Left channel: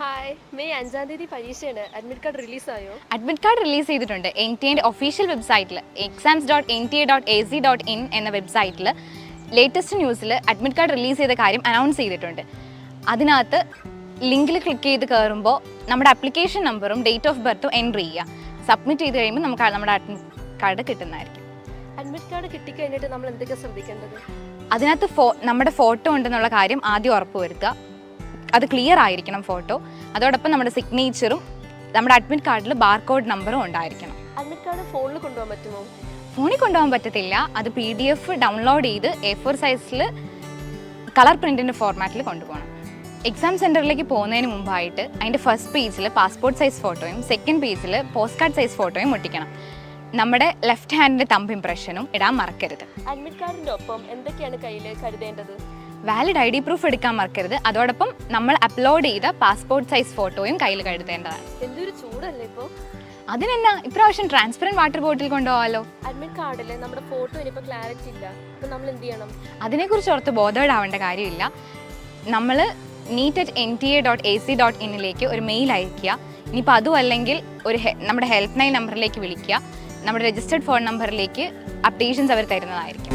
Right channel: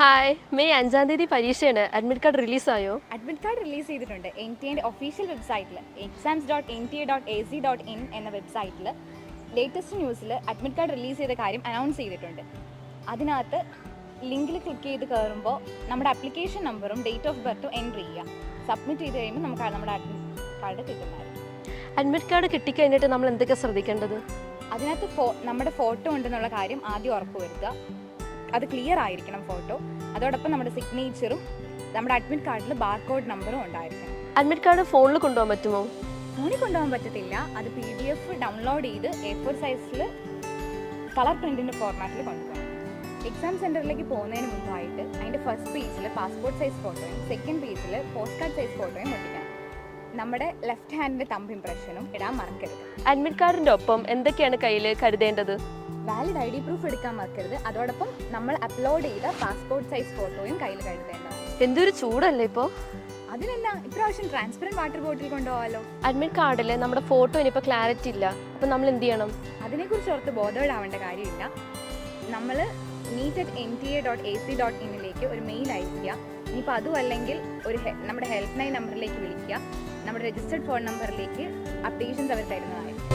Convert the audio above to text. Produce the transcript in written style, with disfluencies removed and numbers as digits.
Hi, May 5-ാം തീയതി പരീക്ഷയാണ്. അഡ്മിറ്റ് കാർഡ് റിലീസായോ? അഡ്മിറ്റ് കാർഡ് റിലീസ് ചെയ്തിട്ടുണ്ട്. NTA ഒഫീഷ്യൽ വെബ്സൈറ്റിൽ exams.nta.ac.in എന്ന വെബ്സൈറ്റിൽ ലേറ്റസ്റ്റ് ന്യൂസിൽ അഡ്മിറ്റ് കാർഡ് റിലീസ് ചെയ്ത കാര്യം അനൗൺസ് ചെയ്തിട്ടുണ്ട്. അതിനകത്ത് ലിങ്കിൽ ക്ലിക്ക് ചെയ്ത് കയറുമ്പോൾ നമ്മുടെ ആപ്ലിക്കേഷൻ നമ്പറും ഡേറ്റ് ഓഫ് ബർത്തും എൻട്രി ചെയ്യുക. സബ്മിറ്റ് ചെയ്ത് കഴിയുമ്പോൾ നമുക്ക് നമ്മുടെ അഡ്മിറ്റ് കാർഡ് കിട്ടുന്നതായിരിക്കും. അഡ്മിറ്റ് കാർഡ് കിട്ടിക്കഴിഞ്ഞിട്ട് നമ്മൾ എന്തൊക്കെ ശ്രദ്ധിക്കേണ്ടത്? അതിനകത്ത് നമ്മുടെ ഫോട്ടോ ഉണ്ടെന്നുള്ള കാര്യം ആദ്യം ഉറപ്പുവരുത്തുക. അത് ക്ലിയർ ആയിരിക്കണം ഫോട്ടോ. അതോടൊപ്പം നമ്മുടെ സിഗ്നേച്ചറും നമ്മുടെ അഡ്മിറ്റ് കാർഡിൽ ബാർകോഡ് നമ്പറും ഉണ്ടായിരിക്കണം. അഡ്മിറ്റ് കാർഡ് ഫോണിൽ കൊണ്ടുപോകാൻ പറ്റുമോ? ഫോണിൽ കൊണ്ടുപോകാൻ പറ്റത്തില്ല. അത് PDF ഡൗൺലോഡ് ചെയ്ത് A4 സൈസിൽ കളർ പ്രിൻറ്റിൻ്റെ ഫോർമാറ്റിൽ കൊണ്ടുപോകണം. എക്സാം സെൻറ്ററിലേക്ക് പോകുന്നതിന് മുമ്പായിട്ട് അതിൻ്റെ ഫസ്റ്റ് പേജിൽ പാസ്പോർട്ട് സൈസ് ഫോട്ടോയും സെക്കൻഡ് പേജിൽ പോസ്റ്റ് കാർഡ് സൈസ് ഫോട്ടോയും ഒട്ടിക്കണം. നമ്മുടെ ലെഫ്റ്റ് ഹാൻഡിൻ്റെ തമ്പ് ഇംപ്രഷനും ഇടാൻ മറക്കരുത്. അഡ്മിറ്റ് കാർഡിൻ്റെ ഒപ്പം എന്തൊക്കെയാണ് കയ്യിൽ കരുതേണ്ടത്? വാലിഡ് ID പ്രൂഫ് എടുക്കാൻ മറക്കരുത്. അതോടൊപ്പം നമ്മൾ അപ്ലോഡ് ചെയ്ത പാസ്പോർട്ട് സൈസ് ഫോട്ടോയും കയ്യിൽ കരുതേണ്ടതാണ്. എന്തൊരു ചൂടല്ലേ ഇപ്പോൾ? അതിനെന്നാ ഇപ്രാവശ്യം ട്രാൻസ്പെറൻറ്റ് വാട്ടർ ബോട്ടിൽ കൊണ്ടുപോകാമല്ലോ. അഡ്മിറ്റ് കാർഡിൽ നമ്മുടെ ഫോട്ടോ ഇനിയിപ്പോൾ ക്ലാരിറ്റി ഇല്ല. അപ്പം നമ്മൾ എന്ത് ചെയ്യണം? അതിനെക്കുറിച്ച് ഓർത്ത് ബോധേഡാവേണ്ട കാര്യമില്ല. നമ്മൾ neet@nta.ac.in ഒരു മെയിൽ അയയ്ക്കുക. ഇനിയിപ്പോൾ അതും അല്ലെങ്കിൽ നമ്മുടെ ഹെൽപ്പ് ലൈൻ നമ്പറിലേക്ക് വിളിക്കുക. നമ്മുടെ രജിസ്റ്റേർഡ് ഫോൺ നമ്പറിലേക്ക് അപ്ഡേഷൻസ് അവർ തരുന്നതായിരിക്കും.